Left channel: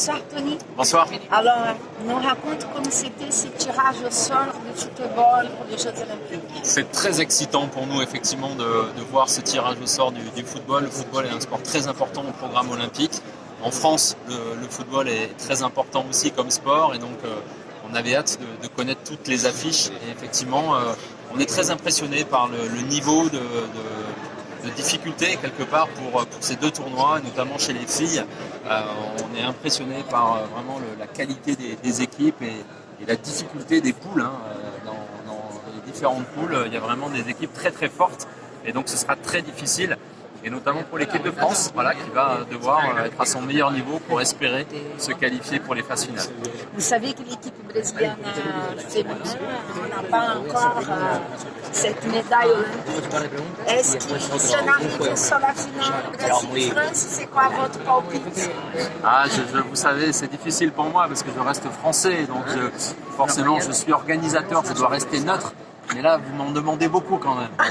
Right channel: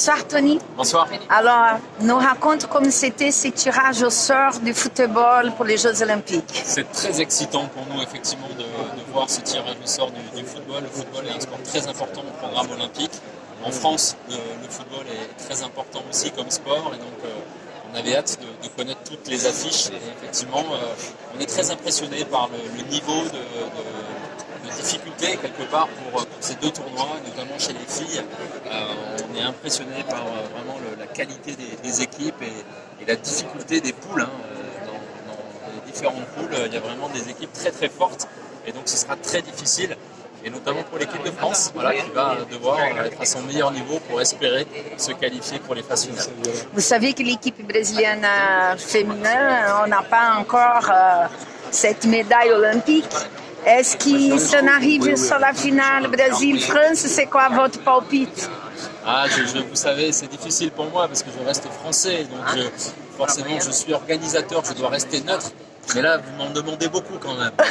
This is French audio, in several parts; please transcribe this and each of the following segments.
Bonsoir Tony. Bonsoir. Alors, nous raconte comme c'était ce tirage au sort du football pour les Jeux Olympiques. C'est très excitant pour nous effectivement de voir ce tirage au sort du football. Le football est un sport très important au programme olympique. En France, le football est très important aussi comme sport et donc on avait hâte de connaître toutes les affiches. Et effectivement, on est très impressionné par le niveau de difficulté quelque part pour ces deux tournois, notamment chez les filles. On est impressionné par vraiment la qualité des équipes et la difficulté des poules. Dans les différentes poules, il y a vraiment des équipes très très fortes et donc ce sera très difficile. Et notamment pour l'équipe de France, qui va devoir être à son meilleur niveau pour espérer se qualifier pour les phases finales. Vous savez que l'équipe brésilienne féminine, on n'a pas encore cette médaille olympique. Est-ce que si on arrive sur la finale Brésil-France, c'est quoi votre palpite? Vous savez, c'est difficile pour moi parce que je reste français, donc forcément je suis organisateur, je dois rester neutre. Mais là, vous m'en demandez beaucoup quand même. Donc,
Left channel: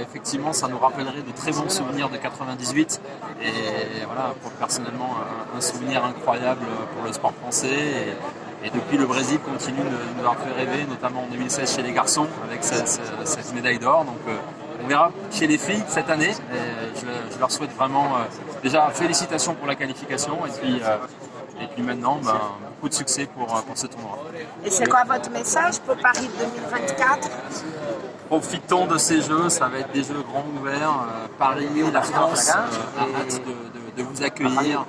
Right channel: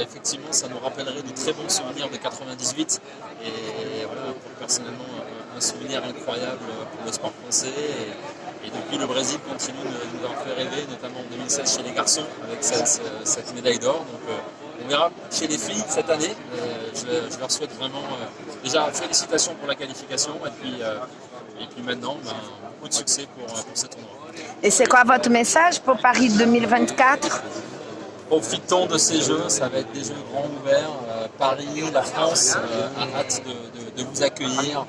effectivement, ça nous rappellerait de très bons souvenirs de 98. Et voilà, personnellement, un souvenir incroyable pour le sport français. Et depuis, le Brésil continue de nous avoir fait rêver, notamment en 2016 chez les garçons, avec cette médaille d'or. Donc, on verra chez les filles cette année. Et je leur souhaite vraiment, déjà, félicitations pour la qualification. Et puis maintenant, beaucoup de succès pour ce tournoi. Et c'est quoi votre message pour Paris 2024? Profitons de ces jeux, ça va être des jeux grands ouverts. Paris, la France a hâte de vous accueillir.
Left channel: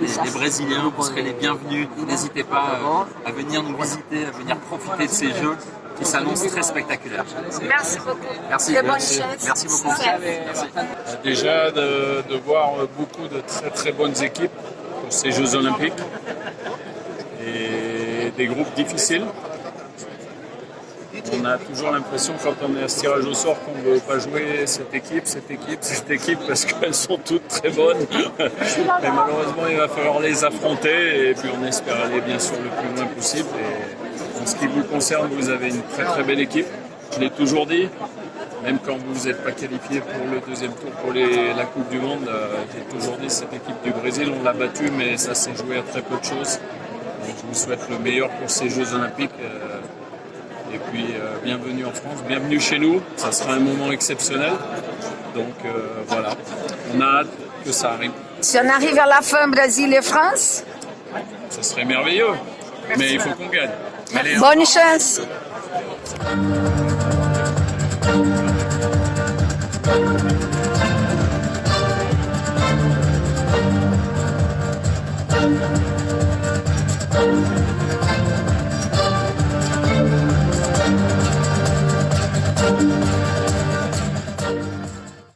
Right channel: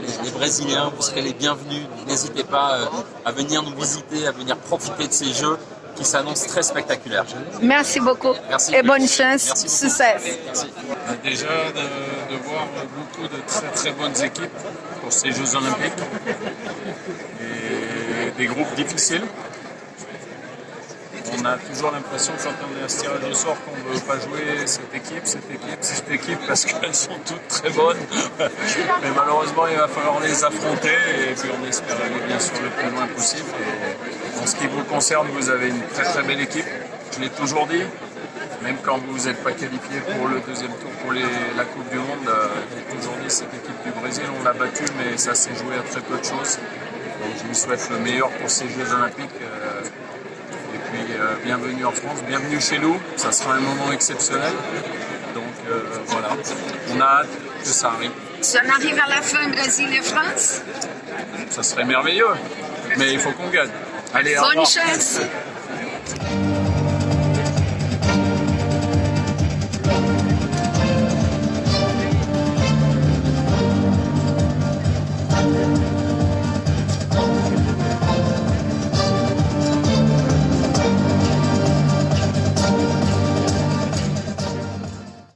Les Brésiliens, vous serez les bienvenus. N'hésitez pas à venir nous visiter, à venir profiter de ces jeux qui s'annoncent très spectaculaires. Merci beaucoup. Merci. Et bonne chance. Merci beaucoup. Succès. Merci. Déjà de voir beaucoup de très très bonnes équipes pour ces Jeux Olympiques et des groupes difficiles. On a toujours l'impression quand on est à ce tirage au sort qu'on ne veut pas jouer cette équipe parce qu'elles sont toutes très bonnes. Mais malheureusement il va falloir les affronter et puis on espère aller bien sûr le plus loin possible. Et en ce qui vous concerne, vous avez une très très belle équipe. Je l'ai toujours dit. Même quand vous n'êtes pas qualifié pour le deuxième tour pour la Coupe du Monde, j'ai toujours dit cette équipe du Brésil, on l'a battue, mais ça s'est joué à très peu de choses. Donc je vous souhaite le meilleur pour ces Jeux Olympiques. Et puis bienvenue en France, bienvenue chez nous. Ça sera un moment exceptionnel. Donc voilà, on a hâte que ça arrive. Si on arrive à la fin Brésil et France, ça serait merveilleux, mais il faut qu'on gagne. Allez, bonne chance. Thank you.